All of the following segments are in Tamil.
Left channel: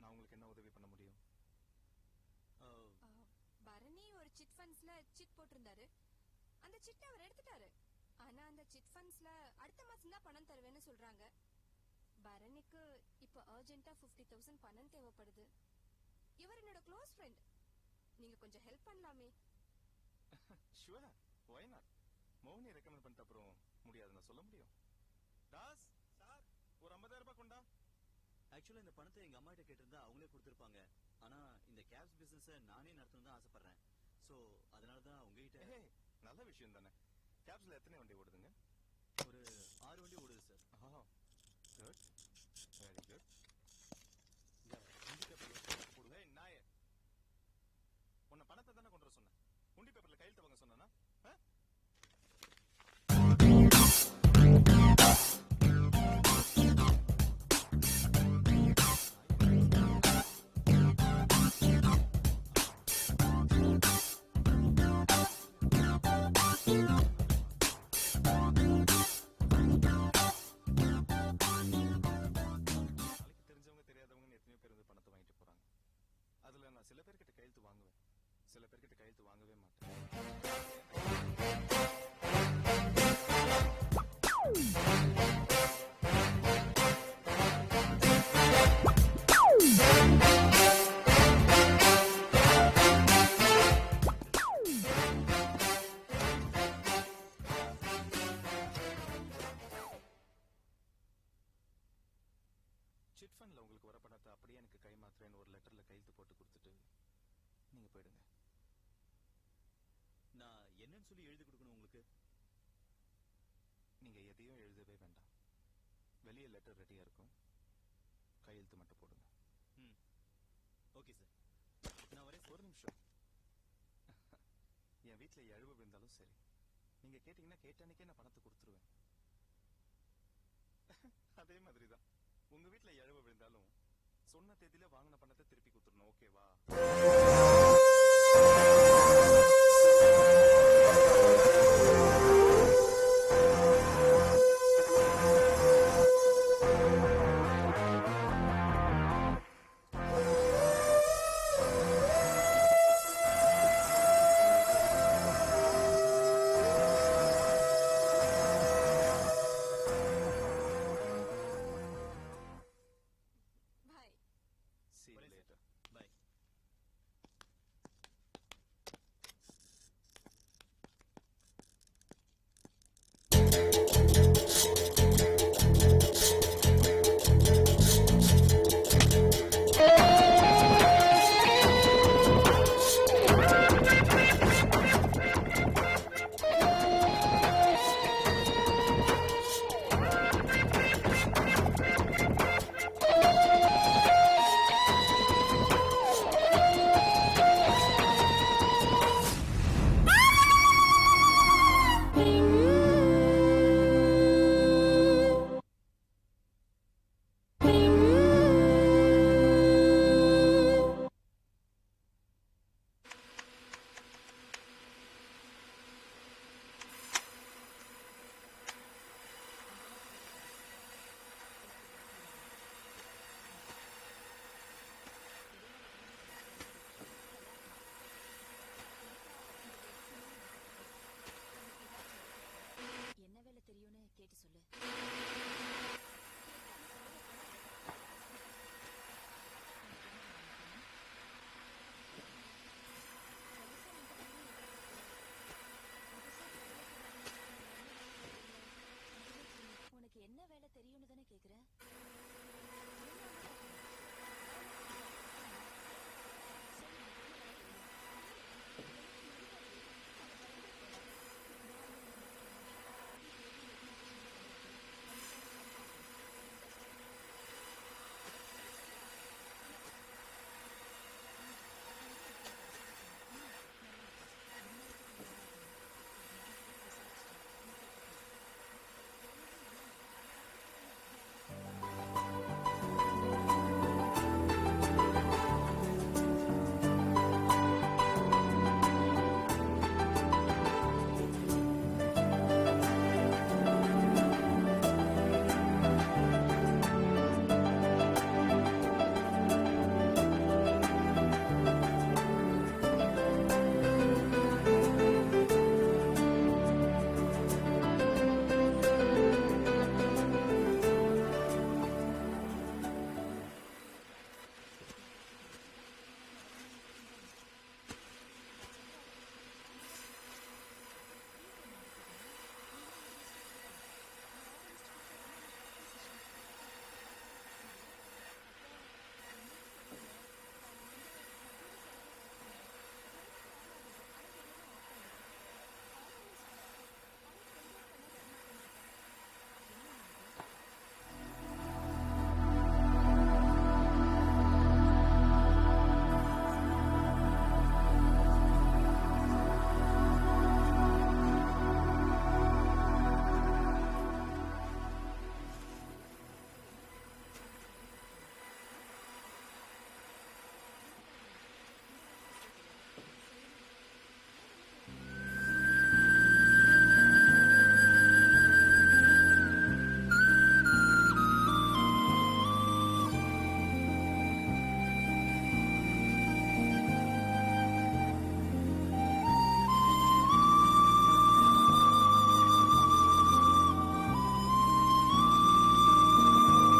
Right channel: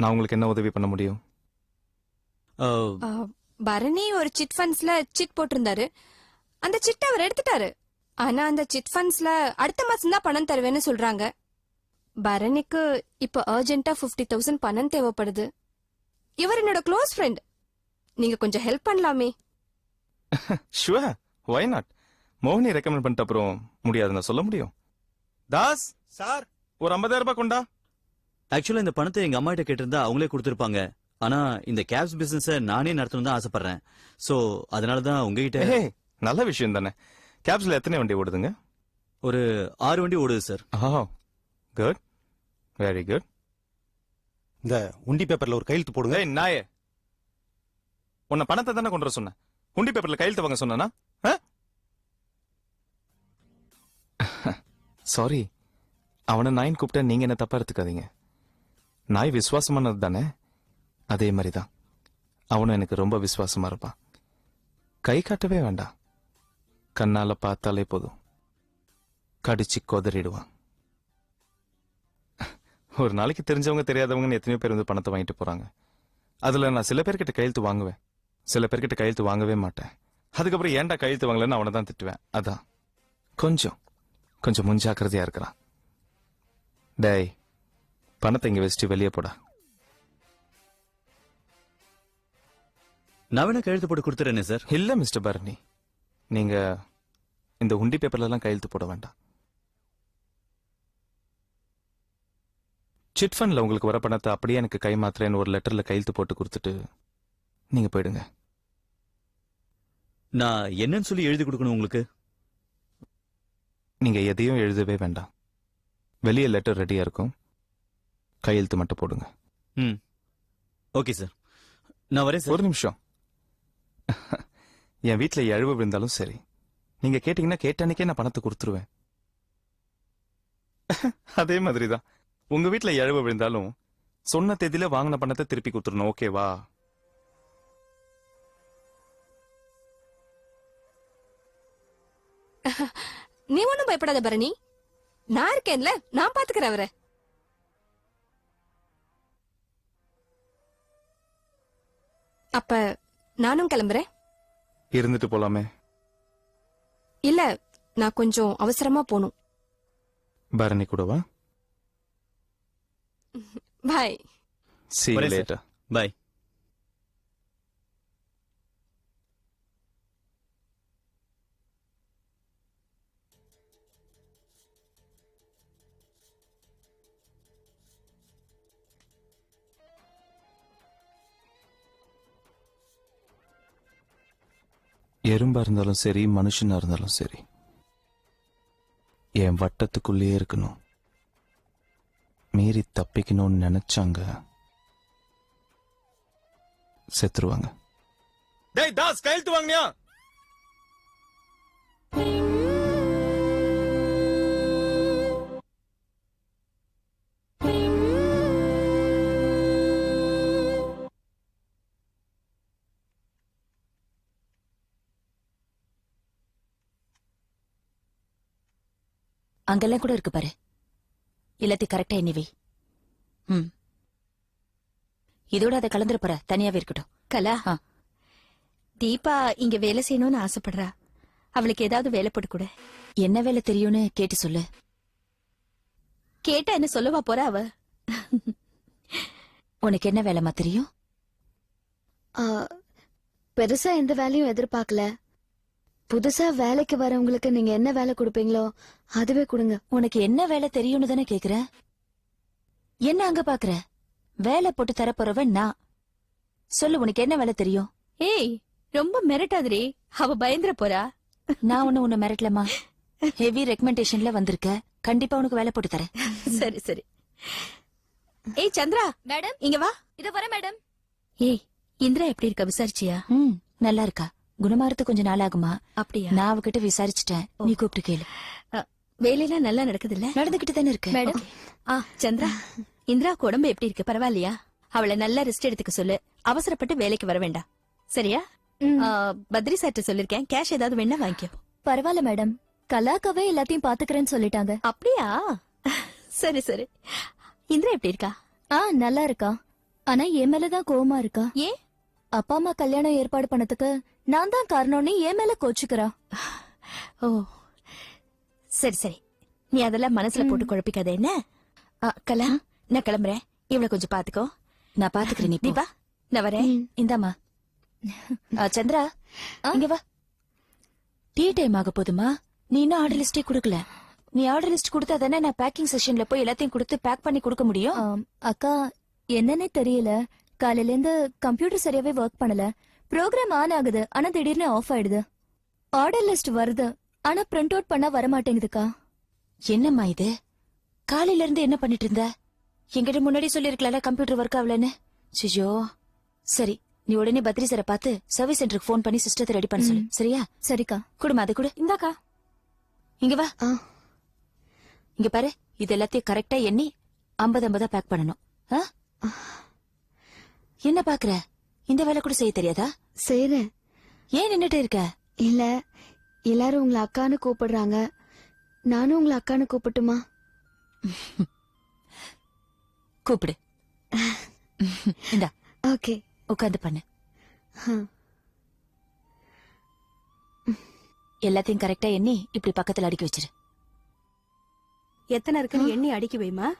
நான் உங்களுக்கு என்ன உதவி பண்ண முடியும்? பரணி ஒரு சிட் ஃபண்ட்ஸ்ல சிட் போட்டிருந்தாரு. அந்த சிட் அவர் எடுத்துட்டாரு. ஆனா அந்த சிட் ஃபண்ட்ஸ்ல அடுத்த மாசம் தான் பணம் தருவேன்னு சொல்றாங்க. பரணிக்கு இப்ப அர்ஜென்ட்டா 50,000 பணம் தேவைப்படுது. இவர் என்னோட க்ளோஸ் ஃப்ரெண்ட். நீங்க கொஞ்சம் ஹெல்ப் பண்ணலாமே. Sure, why not? மோகினி ரெக்கமெண்ட் பண்ணிட்ட அப்புறம் முடியாதுன்னு சொல்ல முடியும். தாஸ் சார், ஒரு 50,000 ரூபாய் கொண்டா. ஆக்சுவலா இந்த பணத்தை எங்க அம்மா கிட்ட கேட்டிருந்தா அவங்களே கொடுத்திருப்பாங்க. ஆனா இந்த கேப்ஸ் பிசினஸ் நானே நடத்தணும் தான் ஆசைப்படுறேன். சோ அதனாலதான் உங்ககிட்ட. நல்ல விஷயம் தானே. கேப்ஸ்ல எத்தனை வண்டி ஓடுதுங்க? ஒரு 6 வண்டி ஓடுது சார். Good, very good. இந்த உண்டி பேப்பர்ல ஒரு கையெழுத்து போடுங்க. நாயே, உன்னை பணத்தை தானே கொண்டு வர சொன்னேன். உண்டி பேப்பர்ல கையெழுத்து வாங்க சொன்னா? சாரி, அவனை நாயின் கூப்பிட்ட நீங்க என்ன தப்பா எடுத்துக்காதீங்க. நாய் விசுவாசமானது தானே, அதே மாதிரிதான் அவனும் எனக்கு ரொம்ப விசுவாசமா இருந்தான். கை காட்டவே வேண்டாம், கண்ணால பார்த்தாலே போதும் கடிச்சு கொதறிடுவான். ஒரு நாளைக்கு தெரிஞ்சவங்க தெரியாதவங்கன்னு எத்தனையோ பேர் வந்து பணத்தை வாங்கிட்டு போறாங்க. அதுல நான் சில பேர்கிட்ட கையெழுத்து வாங்குவேன், சில பேர்கிட்ட கையெழுத்து வாங்கவே மாட்டேன். அதுக்கப்புறம் ஏன்டா கையெழுத்து வாங்கலன்னு அவனை தான் திட்டுவேன். அதான் கொஞ்சம் முன்ஜாக்கிரதையா இருக்கிறான். டேய், பணத்தை இங்க வச்சுட்டு வெளியே போட. நானும் கையெழுத்து போட்டு கொடுத்துறேனே சார். இல்ல மிஸ்டர் பரணி, நீங்க இந்த உண்டி பேப்பர்ல எல்லாம் கையெழுத்து போட வேண்டாம். சிட் ஃபண்ட்ல உங்களுக்கு வர பணத்தை அப்படியே எனக்கு கை மாத்திரேன்னு ஒரு லெட்டர்ல கையெழுத்து போட்டு கொடுத்துட்டு நீங்க போயிடுங்க. நான் என்னன்னு சொல்லி எழுதி கொடுக்கணும் உங்களுக்கு? நீங்க எதையும் எழுதவே வேண்டாம். வெளியே லெட்டர் ரெடியா இருக்கும், கையெழுத்து மட்டும் போடுங்க. ஓகே சார், நான் வரேன் சார். ஒரு நிமிஷம். என் வீட்டுல எழுவு விழுந்தாலும் சரி, நீங்க கேட்டீங்கன்னா கேட்டானிக்கே நான் பணத்தை கொடுத்துருவேன். அதே மாதிரிதான் உங்க வீட்டுல எழுவு விழுந்தாலும் சொன்ன தேதியில வாங்கின பணத்தை திருப்பி கொடுத்துடணும். ஓகேவா? நீ ஒண்ணும் பயப்படாத பரணி, நான் இருக்கேன்ல, நான் பாத்துக்கிறேன் அவரை. அப்ப நானும் கிளம்புறேன். இருந்துட்டு போலாமே. இல்ல, நான் கொஞ்சம் அவசரமா போகணும். பரணி கூடவா? பாய். See you later. பாய். எறும்பா இருந்தாலும் சரி, மனுஷனா இருந்தாலும் சரி, என் வட்டத்துக்குள்ளே இருக்கணும். மீறி தப்பிக்கணும்னு நினைச்சாங்க செத்துருவாங்க. கையெழுத்து வாங்கியா? அங்கெல்லாம் கூட இருக்கு பாரு, எல்லாத்தையும் கரெக்டா எண்ணிவி. இதோட அதை கலந்துரு போற, தனியாவே இருக்கட்டும். கலா, தீபா இங்க வேலை செய்யணும்னு ஆசைப்படுறா. அவளுக்கு ஏதாவது வேலை போட்டு கூட. என்ன வேலை தெரியும்னு கேட்டு சொல்லு. கேட்டா என்ன சொல்லவா போற அவ? உனக்கு என்ன வேலைமா தெரியும்? பெருசா எந்த வேலையும் எதிர்பார்க்கல. புதுசா வேலைக்கு வரவங்களுக்கு நீங்க என்ன வேலை கொடுப்பீங்களோ அதுவே கொடுங்க. உனக்கு என்ன வேலை தெரியும்னு தானே கேக்குற. என்ன அங்க பாக்குற? வேலை போட்டு தரப்போறவன் நான். சொல்லு, உனக்கு என்ன வேலை தெரியும்? ஏய், ரொம்ப மிரட்டாதே, அவ பயந்துற போறா. நான் உன்னை மிரட்டலமா. ஹெவி ரெக்கமெண்டேஷன்ல வந்திருக்க, கண்டிப்பா உனக்கு வேலை போட்டு தரேன். சரி சரி. ஏய் சந்திரா, மேடம் இங்க வா. இது வர மேடம். ஏய், இந்திரா எப்படி இருக்க விசாரிச்சியா? நல்லா இருக்கா. குணமாறது கொஞ்சம் நாள் ஆகுமா? அப்படியா? நான் அவகிட்ட விசாரிச்சுட்டேன், நீ கூப்பிட்டு கேளு. வேலையெல்லாம் நல்லா நடக்குது இல்ல? நடந்துகிட்டு தானே இருக்கு மேடம். சந்திரா, இந்திரா உடம்பு எப்படி இருக்கு? பரவாயில்லையா? அவளை நல்லா ரெஸ்ட் எடுத்துக்க சொல்லு. அவசரப்பட்டு வேலைக்கு வர வேண்டாம், சரியா? பத்ரி சார்ட்ட சொல்லிருக்கேன், கேஷ் ஏதாவது வேணா வாங்கிக்க. பரவாயில்ல மேடம், கலாக்காவே எல்லாத்தையும் பாத்துக்கிறேன்னு சொல்லிட்டாங்க. அப்படியா? சரி சரி. இந்திரா எப்படி இருக்கா? நல்லா இருக்கா. ஆனா என் மேலதான் கோவமா இருக்கா. ஏன்? அப்பா அம்மா கல்யாணம் ஏற்பாடு பண்ணதுக்கு நான் தான் காரணம்னு என் மேல கோச்சுக்கிறா. ஓ சரி சரி, நீ அதெல்லாம் மனசுல போட்டு குழப்பிக்காத என்ன. கலா, நான் கிளம்புறேன். இவ்வளவு கொஞ்சம் பாத்துக்கோ. நான் பாத்துக்கிறேன். நீ வா, நான் வரேன். இந்தாமா. சந்திரா, இங்க வா. டீ டைம் ஆக போதுமா? நீ இன்னும் ஆர்டர் லிஸ்டே கொடுக்கல. நீ ஆர்டர் லிஸ்ட் கொடுத்தா தானே நான் பேக்கிங் செஷன்ல போய் எல்லாத்தையும் கொடுத்து பேக் பண்ணி கொடுக்க முடியும். அக்கா, என்னன்னே தெரியல. காலையில இருந்து கம்ப்யூட்டர் சரியாவே ஒர்க் பண்ணல. ப்ரோக்ராம் ஆன் ஆகுது, ஆனா திடீர்னு ஆஃப் ஆயிடுது. ஆர்டர் லிஸ்ட் வருது, ஆனா பிரிண்ட் அவுட் பண்ண வர மாட்டேங்குதுக்கா. என்னம்மா இது? காலையில இருந்து என்ன பண்ணிட்டு இருந்த? என்கிட்ட முன்னாடி சொல்லிருக்கல கம்ப்யூட்டர் ஒர்க் ஆகலன்னு. சிஜோ, சரி, நீ உடனே பத்ரி சாரை பார்த்து சர்வீஸ் சென்டருக்கு ஃபோன் பண்ணி சிஸ்டத்தை ரெடி பண்ண சொல்லு. சரியா? சரிக்கா. குடுமா, அதை கொடு. இந்தாக்கா. இங்க வா. இங்க பாரு, இது எல்லாத்தையும் கரெக்டா எண்ணி 50-50 பேக் பண்ணணும். என்ன பாக்குற? இந்த வேலை கூட செய்ய தெரியாதா? செய்றேன். ஏன் நின்னுட்டு இருக்க? இல்ல, எல்லாரும் உங்களை அக்கான்னு கூப்பிடுறாங்க. நானும் உங்களை அக்கான்னு கூப்பிட்டுமா? கூப்பிடு. இந்த ஓகே. உட்காந்து பண்ணு. எல்லாத்தையும் கரெக்டா எண்ணி இப்படி பக்கத்துல அடுக்கி வச்சிரு. எத்தனை இருக்குன்னு எண்ணி அடிக்க வேமா?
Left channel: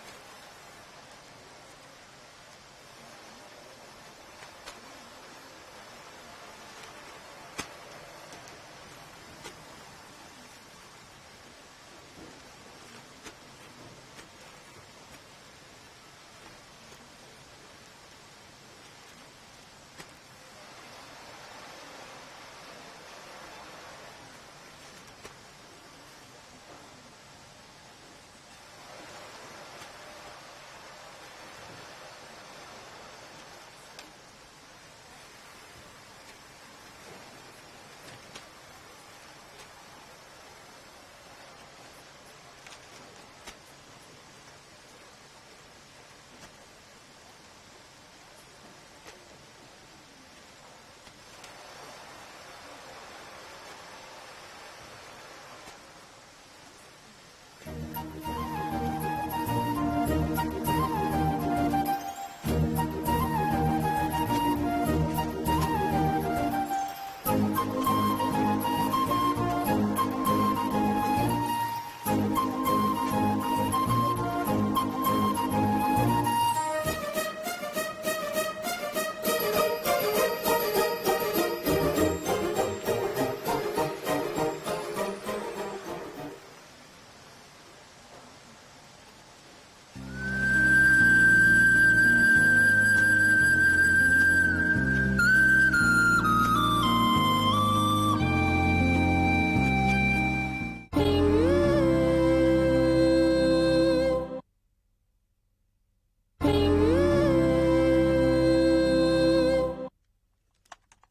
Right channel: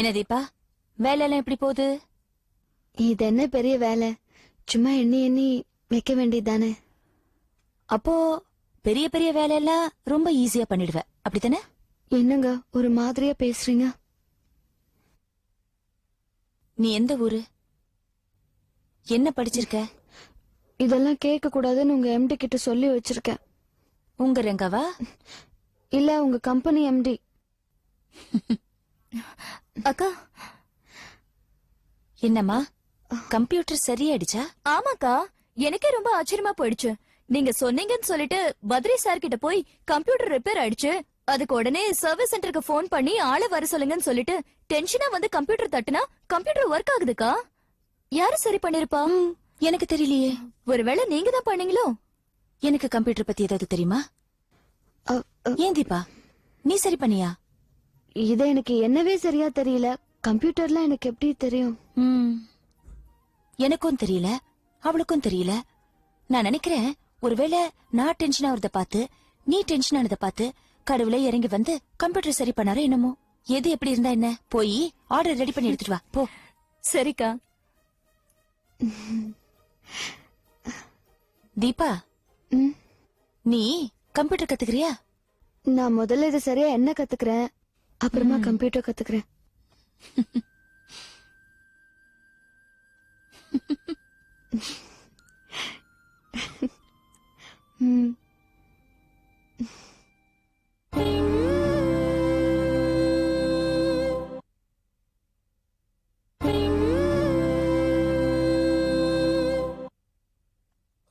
என்ன தீபா, வேலையெல்லாம் எப்படி போகுது? இது என்ன பெரிய வேலை? சும்மா எண்ணி எண்ணி வைக்க வேண்டியதுதானே. அப்போ பெரிய பெரிய வேலையெல்லாம் ரொம்ப ஈஸியா பண்ணிடுவேன், அப்படித்தானே? என்னங்க ஒரு மாதிரியா பேசுறீங்க? நீ எந்த ஊரு? என்ன படிச்சிருக்க? இதெல்லாம் கேட்க கூடாதுன்னு உங்க எம்டி கிட்ட சொல்லி வச்சிருக்கேன். உங்க ரங்காவா? இல்ல, உங்க கம்பெனி எம்டி. அக்கா, என்னம்மா, கம்ப்யூட்டர் சரியாயிடுச்சா? ஆமாக்கா, எனக்கே ரொம்ப ஆச்சரியமா போயிடுச்சு. நீங்க சொன்னீங்கன்னு சொல்லிட்டு பத்ரி சார் கிட்ட போய் கம்ப்யூட்டர் ரிப்பேர் ஆயிடுச்சு, அதுக்கு உடனே சர்வீஸ் சென்டருக்கு போன் பண்ணி ஆளை வர சொல்லுங்கன்னு சொல்லிட்டு டென்ஷனா வந்து கம்ப்யூட்டர் தட்டுனா கம்ப்யூட்டர் ஒர்க் ஆகுதுக்கா. யாரு சரி பண்ணிருப்பா? எனக்கு தெரியலையே. ஒருவேளை நீங்க தான் பண்ணீங்களோ? எனக்கு கம்ப்யூட்டர் பத்தி ஏதாவது தெரியுமா? ஏன் தீபா, நீ சரி பண்ணியா? இது எனக்கு என்னவே சரியா தெரியல. கம்ப்யூட்டர்ல எனக்கு எப்படி தெரியும்? ம். எனக்கும் தெரியல, அவளுக்கும் தெரியல. நான் நினைக்கிறேன் ஒருவேளை நான் டென்ஷன் ஆகிறத பார்த்து நீ டென்ஷன் ஆனதை பார்த்து கடவுளே இறங்கி வந்து கம்ப்யூட்டர் சரி பண்ணாலும் என்னமோ. எது எப்படி இருந்தா என்ன, போய் ஆர்டர் ரெடி பண்ணி எடுத்துட்டு வா போ. சரிக்கா. தீபா, நீ கம்ப்யூட்டர் கத்துக்கிறியா? நான் முதல்ல இது சரியா என்ன கத்துக்கிறேன், அப்புறமா computer கத்துக்கிறேன்.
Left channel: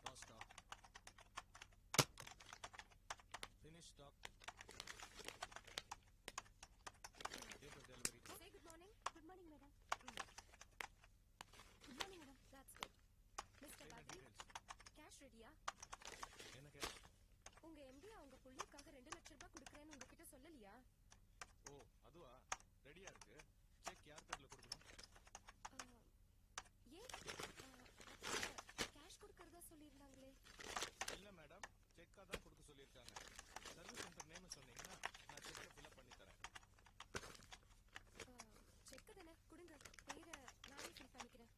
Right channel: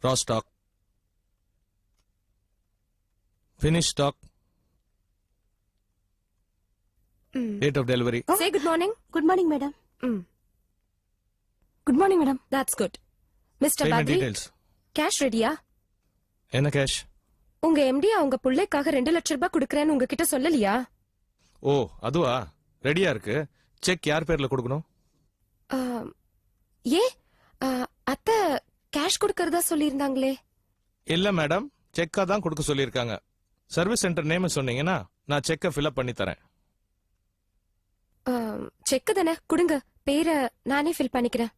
Raw stock. Finished stock. Date of delivery. Say good morning. Good morning madam. Good morning, madam. That's good. Mr. Payment Badri, details. cash ready-யா? என்ன கேஷ்? உங்க MD அவங்க புள்ளைக்காக 2 லட்சம் ரூபாய் கொடுக்கறேன்னு உங்ககிட்ட சொல்லலையா? ஓ அதுவா, ரெடியா இருக்கு. செக் யார் பேர்ல கொடுக்கணும்? ஏ அத்தை கேஷ் கொடுக்கறதா சொல்லியிருந்தாங்களே. இல்ல மேடம், செக்கா தான் கொடுக்க சொல்லியிருக்காங்க. சர்வீஸ் சென்டர் நேம் சொன்னீங்கன்னா நான் செக்கை ஃபில்அப் பண்ணி தரேன். செக் தானே, கொடுங்க. பேரை நானே ஃபில் பண்ணிக்கிறேன்.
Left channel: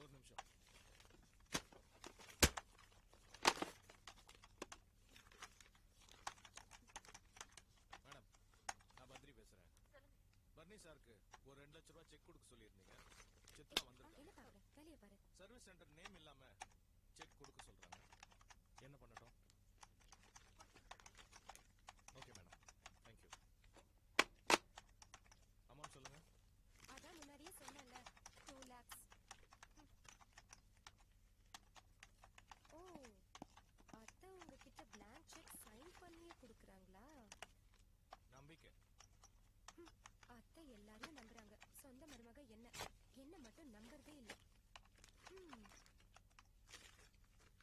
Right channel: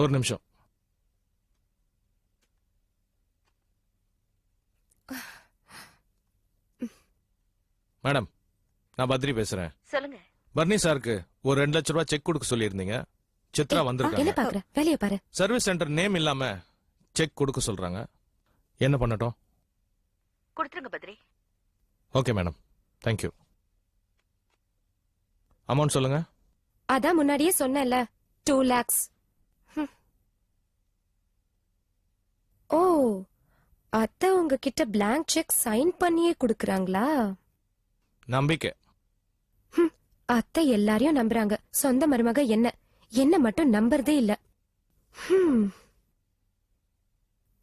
ஒரு நிமிஷம். மேடம், நான் பத்ரி பேசுறேன். சொல்லுங்க. பர்னி சாருக்கு ஒரு 2 லட்சம் ரூபாய் செக் கொடுக்க சொல்லியிருந்தீங்க. சித்ரா என்ன வந்திருக்காங்க. பாக்குற, வேலைய பாரு. சர்வீஸ் சென்டர் நேம் இல்லாம செக் கொடுக்க சொல்றாங்க. என்ன பண்ணட்டும்? கொடுத்துருங்க Badri. Okay madam, thank you. Amount சொல்லுங்க. அதான் முன்னாடியே சொன்னேன்ல, 2 lakhs. ஓ, அத்தை உங்ககிட்ட blank செக் சைன் பண்ணியே கொடுக்கறாங்களா? நம்பிக்கை. அத்தை எல்லாரையும் நம்புறாங்க. சொந்த மருமக என்ன மட்டும் நம்புறதே இல்ல.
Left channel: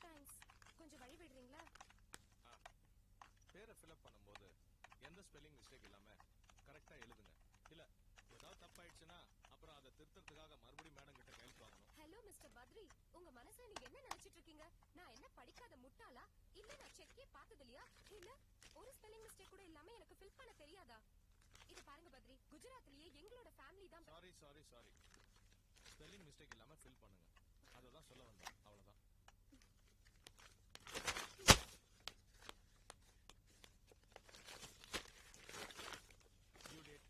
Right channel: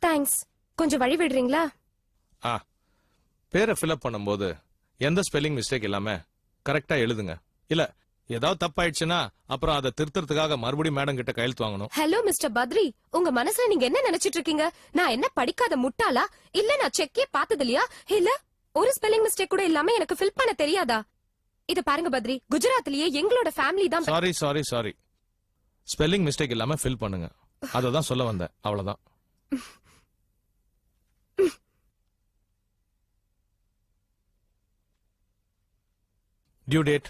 தேங்க்ஸ். கொஞ்சம் வழி விடுறீங்களா? பேரை ஃபில்அப் பண்ணும்போது எந்த ஸ்பெல்லிங் மிஸ்டேக் இல்லாம கரெக்டா எழுதுங்க. இல்ல ஏதாவது தப்பாயிடுச்சுன்னா அப்புறம் அதை திருத்தறதுக்காக மறுபடியும் மேடம் கிட்ட கையெழுத்து வாங்கணும். ஹலோ மிஸ்டர் பத்ரி, உங்க மனசுல நீங்க என்ன நினைச்சிட்டு இருக்கீங்க? நான் என்ன படிக்காத முட்டாளா? இல்ல நான் செக்கே பார்த்தது இல்லையா? இல்ல ஒரு ஸ்பெல்லிங் மிஸ்டேக் கூட இல்லாம எனக்கு ஃபில் பண்ண தெரியாதா? இத பாருங்க பத்ரி, குஜராத்லயே எங்களோட ஃபேமிலி தான். சாரி ஸ்பெல்லிங் மிஸ்டேக் இல்லாம ஃபில் பண்ணுங்க. அததான் சொல்ல வந்தேன், அவ்வளவுதான். Due date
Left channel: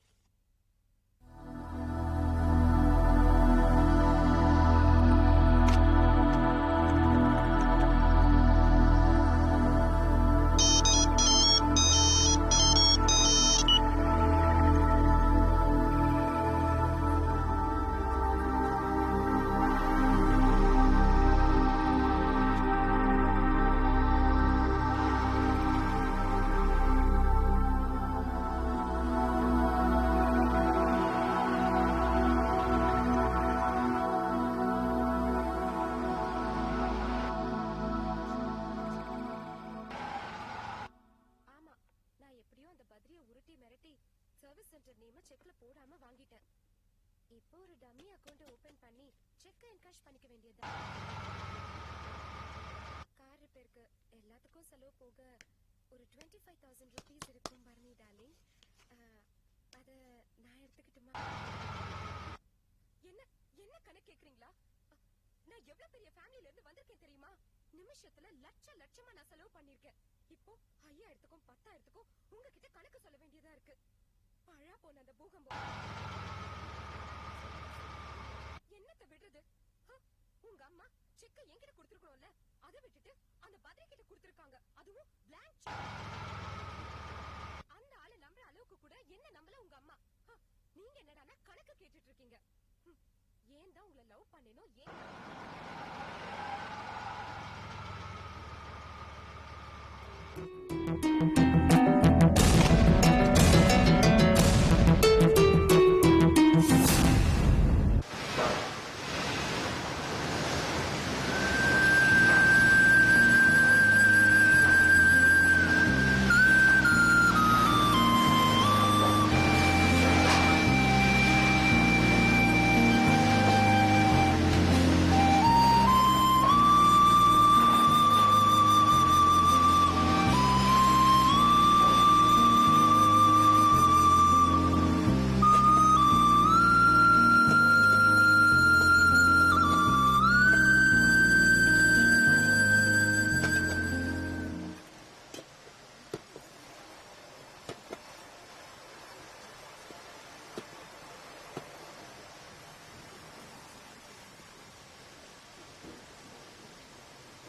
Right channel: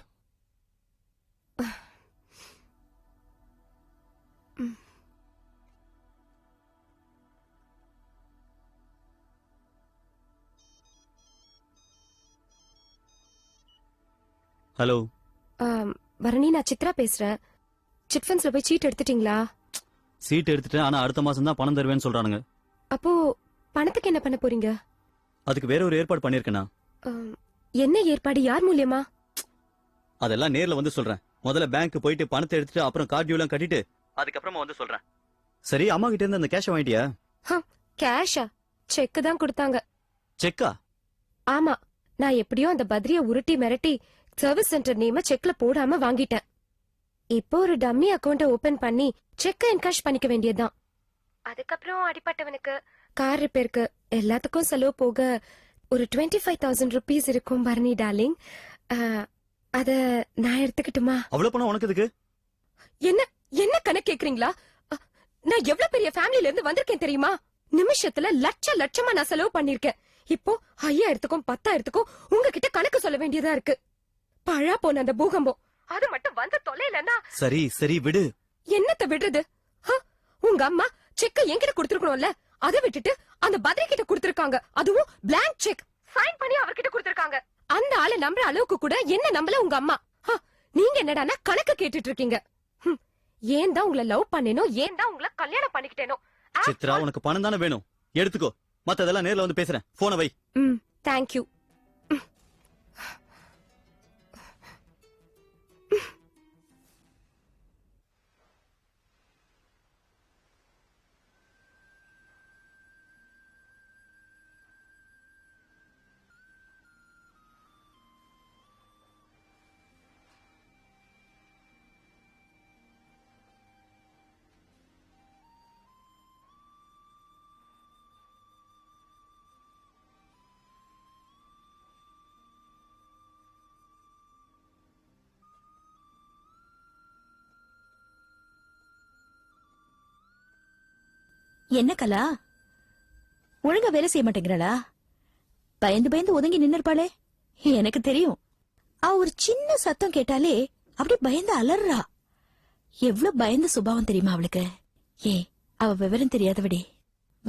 hello. பரணி, நான் சித்ரா பேசுறேன். சிட் ஃபண்ட்ஸ்ல போய் சீட் எடுத்துட்டீங்களா? சீட் எடுத்துட்டேன், ஆனா அடுத்த மாசம் தான் பணம் தருவேன்னு சொல்றானுங்க. அப்போ பணத்துக்கு என்ன பண்ண போறீங்க? அதுக்கு வேற ஒரு ஏற்பாடு பண்ணிருக்கேனா? என்ன ஏற்பாடு? யார் மூலியமா? அதெல்லாம் நேர்ல வந்து சொல்றேன். முதல்ல பேங்க் போயிட்டு பணத்தை எடுத்துட்டு அப்புறம் கார்டு டியூலாம் கட்டிட்டு அதுக்கப்புறமா வந்து சொல்றேன். சரி, அம்மா கிட்ட இருந்து அந்த கேஷ் வாங்கிட்டியா? கேஷா? செக் தான் கொடுத்தாங்க. செக்கா? ஆமா, நான் எப்படியோ அந்த பத்ரிய உருட்டி மிரட்டி சர்வீஸ் சென்டர் நேம செக்ல போடாம வாங்கிட்டேன். இப்போ ஒரு டம்மி அக்கவுண்ட் ஓபன் பண்ணி செக் என்கேஷ் பண்ணிக்க வேண்டியதுதான். அதுக்கப்புறம் அடிப்பட்டவனுக்கு கார் ரிப்பேருக்கு எல்லாத்துக்கும் செலவு போக ஒரு 25,000 rupees இருக்கும் பரணி டார்லிங். அத நான் எடுத்துக்கிட்டுமா? அவ்வளவு பணம் உனக்கு எதுக்கு? என்ன கணக்கு கேக்குறீங்களா? நான் எவ்வளவு பெரிய ஃபேமிலில இருந்து வந்திருக்கேன் தெரியுமா? நிமிஷத்துல லட்சமா நான் செலவு பண்ணிருக்கேன். இப்போ 5,000க்கும் 10,000க்கும் உங்ககிட்ட கணக்கு சொல்ல வேண்டியதா இருக்கு. பழா போன அந்த பூகம்பம் அது மட்டும் வந்து தொலைலன்னா சரி விடு. என்னத்த விடுறது? உங்க அம்மா செக்க என்கிட்ட கொடுத்துருக்கணும்ல, அதை விட்டுட்டு அந்த பத்ரி கிட்ட கொடுத்திருக்காங்க. அதுவும் blank செக் சைன் பண்ணி அவர்கிட்ட கொடுத்திருக்காங்க. அந்த ஆளை நம்புற அளவுக்கு கூட என்ன நம்பல உங்க அம்மா. நீங்க என்னடானா கணக்கு கேட்டுட்டு இருக்கீங்க. ஏன் தான் உங்களை லவ் பண்ணேனோ, ஏன் தான் உங்களை கல்யாணம் பண்ணிக்கிட்டேனோ. சித்ரா, உனக்கு பணம் தானே வேணும், எடுத்துக்கோ. மத்ததெல்லாம் நேர்ல வந்து பேசுறேன். போனை வை. தேங்க்யூ. என்ன கலா ஒழுங்கா வேலை செய்ய மாட்டேங்கிறாளா? பயந்து பயந்து ஒதுங்கி நின்னுருப்பாளே. எனக்கு தெரியும். அவ ஒரு சின்ன சத்தம் கேட்டாலே அப்படியே பயந்து அலறா. எவ்வளவு பயந்த சுபாவம் தெரியுமா அவளுக்கு? அவ விவரம் தெரியாதவடி.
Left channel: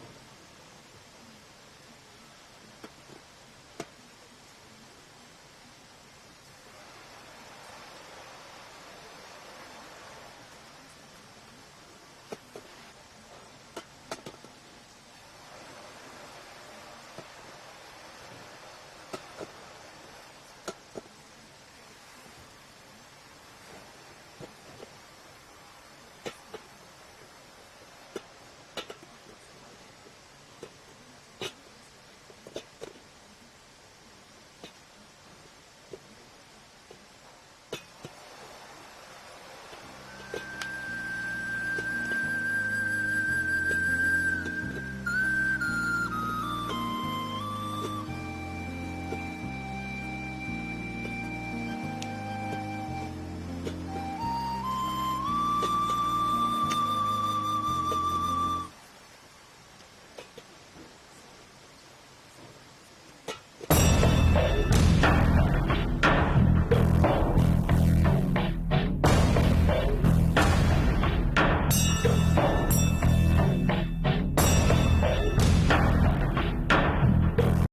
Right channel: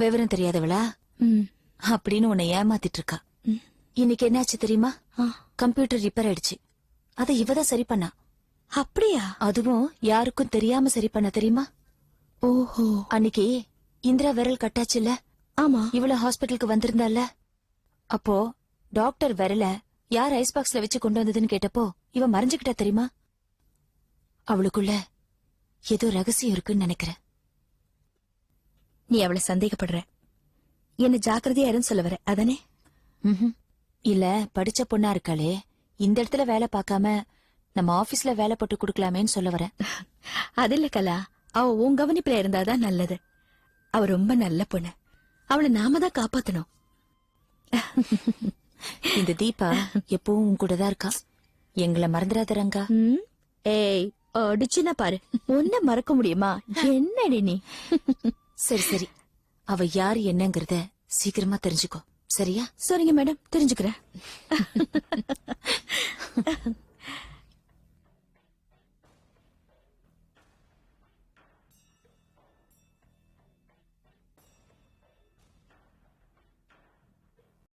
விவரம் தெரியாதவளா அப்படின்னு உன்னை ஏமாத்திட்டு இருக்கா. இன்னைக்கு என்னாச்சு தெரியுமா? கம்ப்யூட்டர் ரிப்பேர் ஆயிடுச்சு. அதை இவதான் சரி பண்ணா. அப்படியா? அதுவும் யாருக்கும் தெரியாம சரி பண்ண தெரியுமா? ஓஹோ. அன்னைக்கு இந்திரா விரல் கட்டாச்சுல்ல? ஆமா. இவ்வளவு ஹாஸ்பிட்டலுக்கு வந்திருந்தால, அப்போ டாக்டர் விரல யார் ஐஸ் பாக்ஸ்ல வச்சு கொண்டு வந்ததுன்னு கேட்டப்போ இவ மறைஞ்சுக்கிட்டா தெரியுமா? அவளுக்குள்ள ஏதோ ரகசியம் இருக்குன்னு நினைக்கிறேன். நீ அவளை சந்தேகப்படுற. என்ன ஜாக்கிரதையா இருன்னு சொல்ல வர அதானே? இல்ல, படிச்ச பொண்ணா இருக்காளே, இந்த இடத்துல வேலை பார்க்காம நம்ம ஆபீஸ்ல வேலை போட்டு கொடுக்கலாமேன்னு சொல்ல வரேன். அது இல்ல கலா, அவ உன் கவனிப்புல இருந்தாதான் நல்லது. அவ ரொம்ப நல்ல பொண்ணு. அவளை நாம தான் காப்பாத்தணும். இந்த தீபா எப்பவும் உன் கூட தான் இருக்கா. எங்களை மறந்துடாத ரங்கா. ஏய், அடிச்சுன்னா பாரு. உன்ன மறக்க முடியுமா? என்னடி நீ? சரி சரி, அவ யாரு என்னங்கறத சீக்கிரமா தெரிஞ்சுக்கோ. சரியா? சரிங்க மேடம், தெரிஞ்சுக்கிறேன்.